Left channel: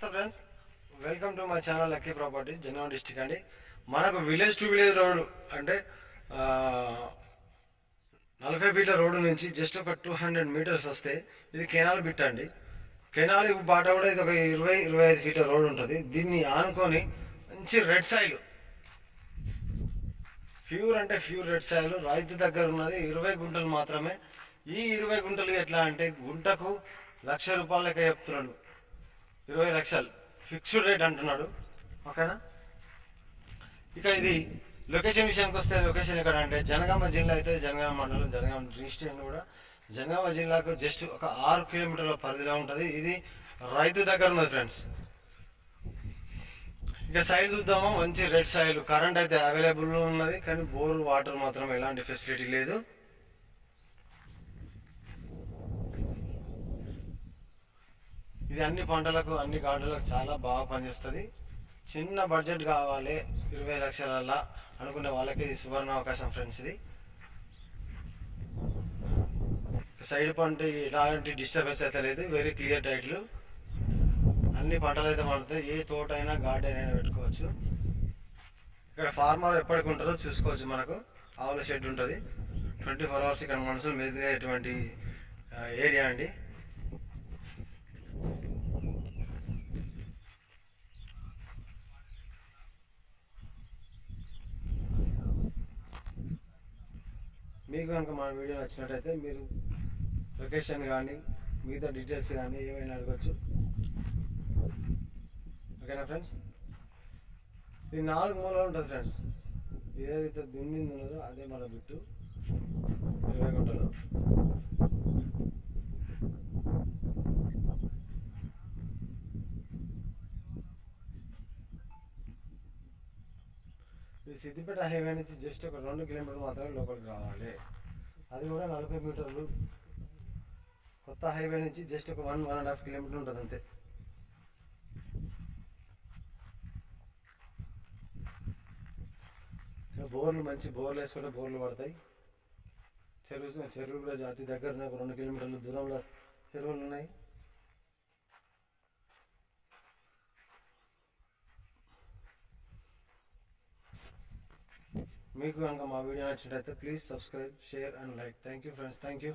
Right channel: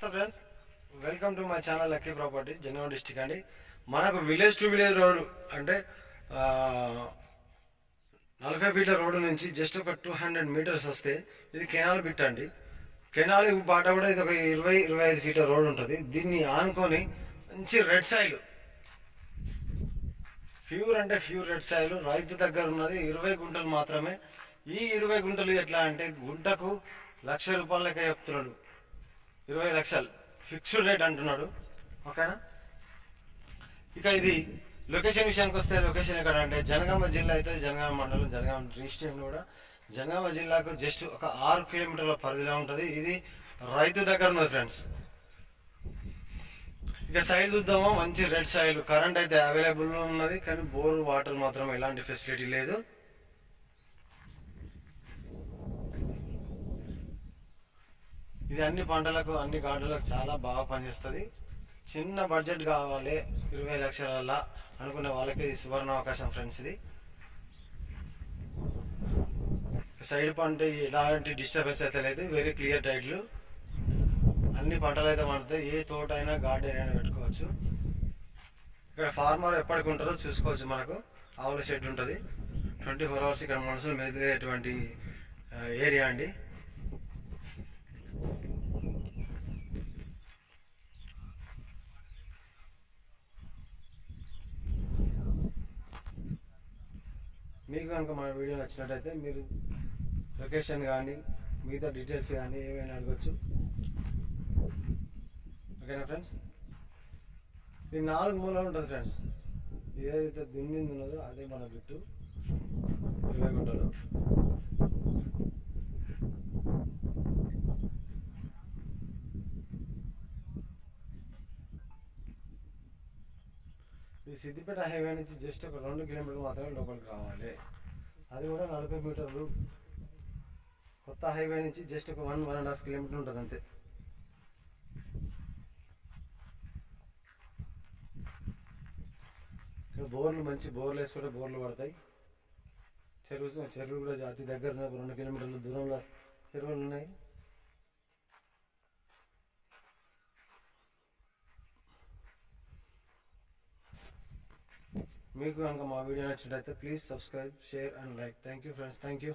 నమస్తే friends, welcome to my channel lucky properties Jangaon district అండి. మనకు విలేజ్ టు విలేజ్ రోడ్ అంటే 40 ఫీట్ల రోడ్డు నుంచి జస్ట్ ఒక 200 మీటర్స్ వస్తే ఇది కెనాల్ బిట్ అండి. కెనాల్ బాట కూడా ఇది ఒక 20-25 ఫీట్ల రోడ్ ఉంటుంది. దీన్ని ఆనుకొని మంచి రెడ్ సాయిల్, ప్యూర్ అంటే ప్యూర్ రెడ్ సాయిల్ రైతు దగ్గర ఉన్నది 20 గుంటలు మాత్రమే. ఈ 20 గుంటలు ఎట్లా అంటే గుంటకు ₹1,00,000 లెక్క చెప్తున్నాడు. 20 లక్షలు ఫిక్స్డ్ రేట్ అంటున్నాడు. ఓకేనా. ఇక ఇది లొకేషన్ విషయానికి వస్తే లొకేషన్ ఎక్కడ అంటే జనగామ జిల్లా అయితే జనగామ మండలం, జనగామ రిజిస్ట్రేషన్ కూడా జనగామ జిల్లాకు జస్ట్ ఒక 6 కిలోమీటర్ల పరిధిలో ఉంటుంది. ఇది రైతు దగ్గర ఉన్నది ఫ్రెండ్స్. ఇక సైడ్ చూద్దామా, మంచి రెడ్ సాయిల్, కరెంట్ అయితే అవైలబుల్ ఉన్నది కానీ బోర్ వాటర్ మాత్రం ఎలాంటి ఫెసిలిటీ లేదు. ఇది అన్ని పంటలకు అన్ని గార్డెన్లకు చాలా బాగా పనిచేస్తుంది. చిన్న బడ్జెట్ కావాలి 20 లక్షల అనుకునే వాళ్ళకి ఇది సువర్ణ అవకాశం ఫ్రెండ్స్. ఇది సైడ్ పంట ఎలాంటి డిస్టర్బెన్స్ అయితే లేదు, వెరీ క్లియర్ టైటిల్. అన్ని పంటలు అయితే పండుతాయి, ఏ తోట అయినా గార్డెన్ అయినా పెట్టుకోవచ్చు. ఇక్కడ ఫార్మర్ ఎప్పటికి ఉంటారో చూసుకోవచ్చు. మనకు ఆవుల షెడ్ ఉంటుంది, 24 అవర్స్ ఇక్కడ మనుషులు మెదిలేటువంటి ఏరియా అండి. మీకు కనుక మా వీడియో నచ్చినట్టయితే మీరు లొకేషన్ కానీ మిగతా డీటెయిల్స్ కానీ ఏమైనా అడగచ్చు. ఓకేనా ఫ్రెండ్స్. ఇది 4 మూలలు ఉంటుంది ఫ్రెండ్స్. ఏదైతే దున్నింది ఉన్నదో అదే మన బిట్టు 20 గుంటలు. ఈ సిద్దిపేట హైవే నుంచి జస్ట్ ఒక 2 కిలోమీటర్లు మాత్రమే లోపలికి రావాలి, అది కూడా 40 మీటర్లు. కొత్త హైవే నుంచి జస్ట్ ఒక 1-1.5 కిలోమీటర్ ఉంటుంది అంతే. ఇక్కడ బోర్లు, మంచి బోర్లు వేసుకుంటే బోర్లు పడతాయి. చెరువులు కూడా అతి దగ్గర ఉన్నాయి, ఒక 2 కిలోమీటర్ల దూరంలో చెరువులు ఉన్నాయి. మీకు కనుక మా వీడియో నచ్చినట్టయితే please subscribe, share and like. Thank you friends, thank you.